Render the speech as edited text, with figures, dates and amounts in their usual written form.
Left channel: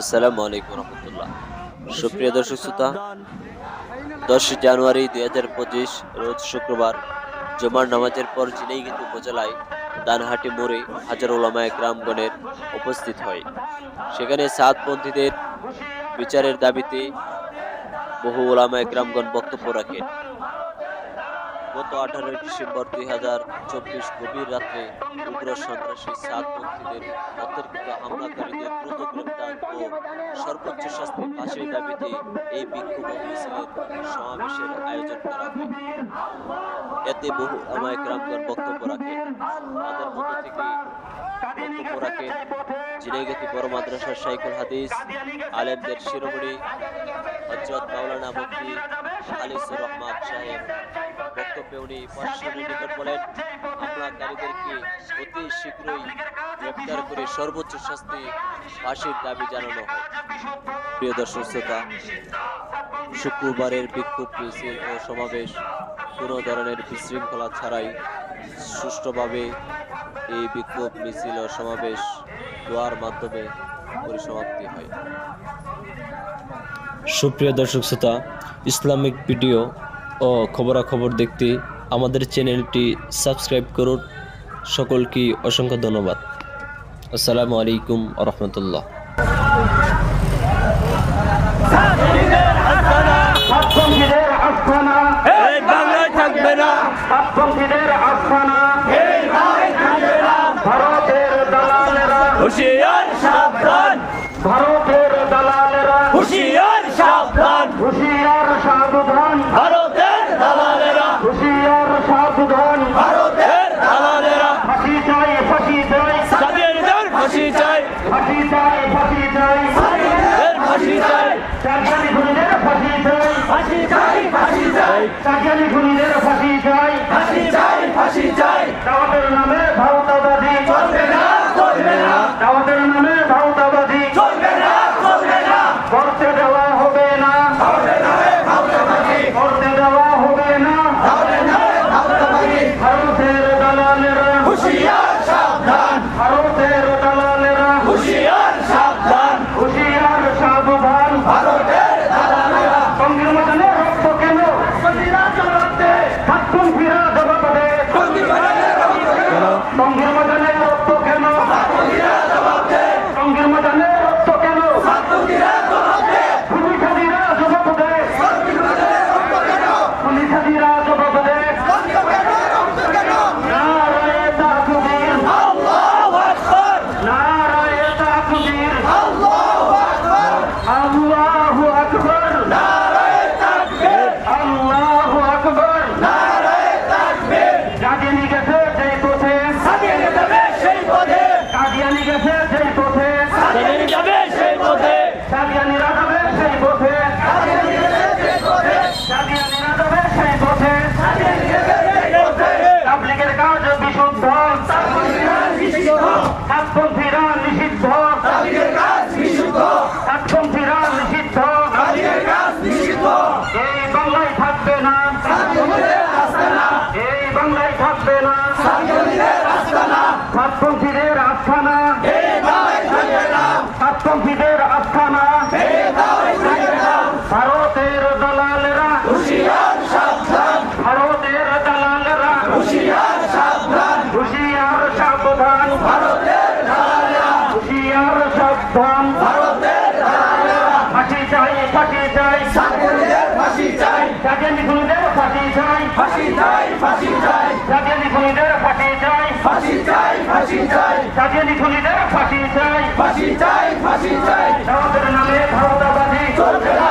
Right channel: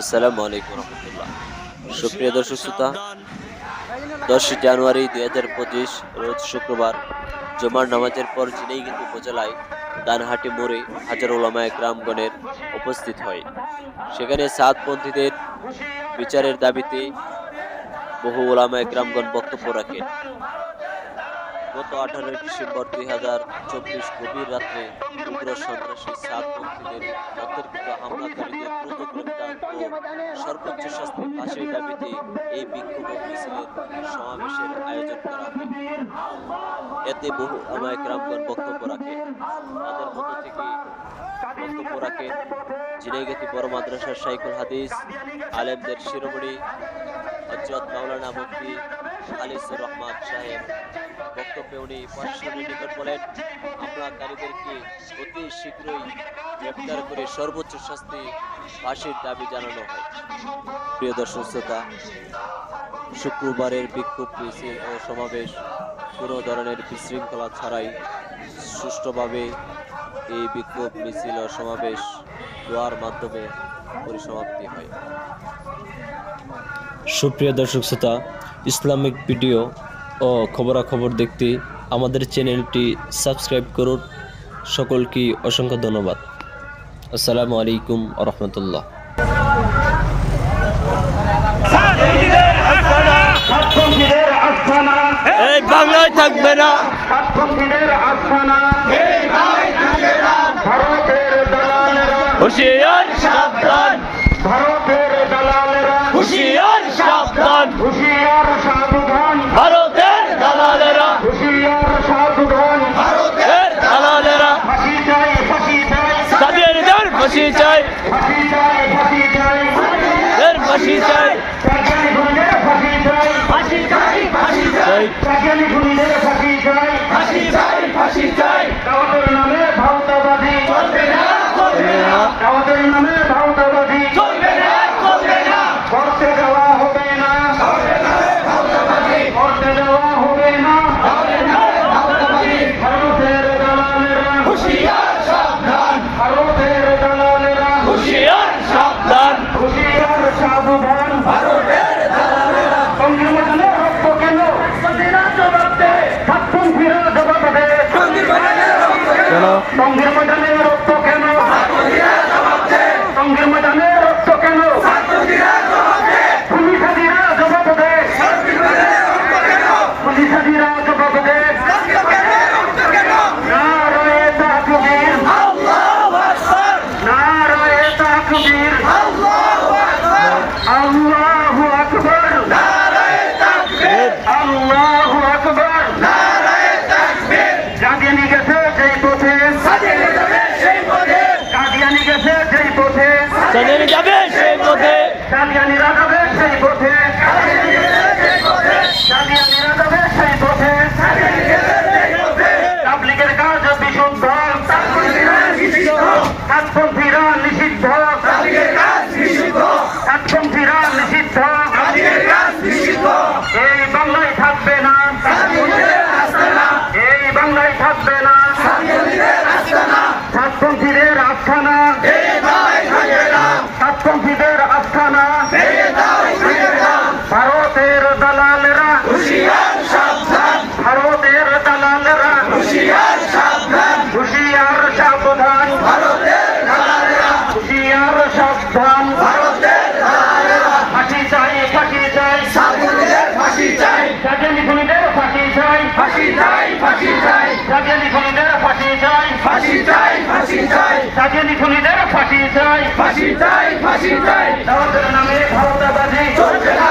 আসসালামু আলাইকুম রহমতুল্লাহ। সুপ্রিয় দর্শক শ্রোতা, 10 জানুয়ারি 2025 রোজ শুক্রবার জুমার নামাজের পর ঝিনাইগাতী উপজেলায় দানহাটি মোড়ে হাজার ওলামায়ে কেরামগণের উপস্থিত হয়। সেখানে সাতপন্থীদের বিচারের দাবিতে বহু ওলামায়ে কেরামগণ বক্তব্য রাখেন। গত 18 ডিসেম্বর 2024 গভীর রাত্রে উগ্র সন্ত্রাসী সাতপন্থীদের অতর্কিত হামলাকারীদের দ্রুত গ্রেপ্তার ও সর্বোচ্চ শাস্তি ফাঁসির দাবিতে এই বিক্ষোভ ও মিছিলের সমাবেশের আয়োজন করা হয়। এতে বহু ওলামায়ে কেরামগণ বক্তব্য রাখেন। তাদের মধ্য থেকে বক্তব্য রাখেন ঝিনাইগাতী বড় মাদ্রাসার শাইখুল হাদিস আলেমদের শিরোমণি হযরত মাওলানা মুফতি খালিসুর রহমান সাহেব। বক্তব্যে উনি প্রশাসনের নিকট বলেন, হামলাকারীদেরকে অতি শীঘ্রই গ্রেপ্তার করে সর্বোচ্চ শাস্তি ফাঁসির দাবি জানানো হয়। প্রিয় দর্শক শ্রোতা, শুক্রবারের বিক্ষোভ মিছিল ও সমাবেশ কোনো ধরনের বিশৃঙ্খলা ছাড়াই সুষ্ঠুভাবে এই বিক্ষোভ মিছিল ও সমাবেশ দোয়ার মাধ্যমে পরিসমাপ্তি হয়। সুপ্রিয় দর্শক শ্রোতা, ইসলামিক ভিডিও ও খবরাখবর দেখতে আমাদের চ্যানেলটি সাবস্ক্রাইব করুন। সকলকে অসংখ্য ধন্যবাদ। আসসালামু আলাইকুম ওয়া রাহমাতুল্লাহ। সাতপন্থীদের আস্তানা এই বাংলায় থাকবে না, সাতপন্থীদের আস্তানা ভারতের দালালেরা হুঁশিয়ার সাবধান, ভারতের দালালেরা হুঁশিয়ার সাবধান, হুঁশিয়ার সাবধান ভারতের দালালেরা, হুঁশিয়ার সাবধান ভারতের দালালেরা, ফাঁসি চাই ফাঁসি চাই সাবিরদের ফাঁসি চাই, ফাঁসি চাই ফাঁসি চাই এর ফাঁসি চাই, চাকরি খুনিদের ফাঁসি চাই ফাঁসি চাই, ফাঁসি চাই, চাকরি খুনিদের ফাঁসি চাই ফাঁসি চাই, ফাঁসি চাই, দাওয়াতের নামে ভারতবাদী চলবে না, চলবে না, দাওয়াতের নামে ভারতবাদী চলবে না, চলবে না, করতে দেওয়া হবে না চলবে না, ভারতবাদী, করতে দেওয়া হবে না চলবে না, ভারতবাদী, ভারতের দালালেরা হুঁশিয়ার সাবধান, ভারতের দালালেরা হুঁশিয়ার সাবধান, হুঁশিয়ার সাবধান ভারতের দালালেরা, সংবিধানের রক্ত কেন প্রতিরা জবাব দে, সাতপন্থীরা জবাব দে সংবিধানের রক্ত কেন, সঙ্গীর ময়দানের রক্ত কেন প্রতিরা জবাব দে, সঙ্গীর ময়দানের রক্ত কেন প্রতিরা জবাব দে, পুলিশাদিরা জবাব দে সংবিধানের রক্ত কেন, পুলিশাদিরা জবাব দে সংবিধানের রক্ত কেন, নারায়ে তাকবীর আল্লাহু আকবার, নারায়ে তাকবীর আল্লাহু আকবার, আল্লাহু আকবার নারায়ে তাকবীর, আল্লাহু আকবার নারায়ে তাকবীর, কাদিয়ানি গেছে যেই পথে সাজিয়ে যাবে সেই পথে, কাদিয়ানি গেছে যেই পথে সাজিয়ে যাবে সেই পথে, কাদিয়ানিরা যাবে সেই পথে সাজিয়ে যাবে সেই পথে, কাদিয়ানিরা যাবে সেই পথে সাজিয়ে যাবে সেই পথে, তাবলীগের কাজ বিশুদ্ধ সাতপন্থীরা নিষিদ্ধ, সাতপন্থীরা নিষিদ্ধ তাবলীগের কাজ নিষিদ্ধ, সাতপন্থীরা নিষিদ্ধ তাবলীগের কাজ নিষিদ্ধ, এই বাংলায় থাকবে না সাতপন্থীদের আস্তানা, এই বাংলায় থাকবে না সাতপন্থীদের আস্তানা, সাতপন্থীদের আস্থানা এই বাংলায় থাকবে না, সাতপন্থীদের আস্থানা এই বাংলায় থাকবে না, ভারতের দালালেরা হুঁশিয়ার সাবধান, ভারতের দালালেরা হুঁশিয়ার সাবধান, হুঁশিয়ার সাবধান ভারতের দালালেরা, হুঁশিয়ার সাবধান ভারতের দালালেরা, ফাঁসি চাই ফাঁসি চাই সাতপন্থীদের ফাঁসি চাই, জাতীয় খুনিদের ফাঁসি চাই ফাঁসি চাই, ফাঁসি চাই, জাতীয় খুনিদের ফাঁসি চাই ফাঁসি চাই, ফাঁসি চাই, জাতীয় খুনিদের ফাঁসি চাই ফাঁসি চাই, ফাঁসি চাই, দাওয়াতের নামে ভারতবাদী চলবে না,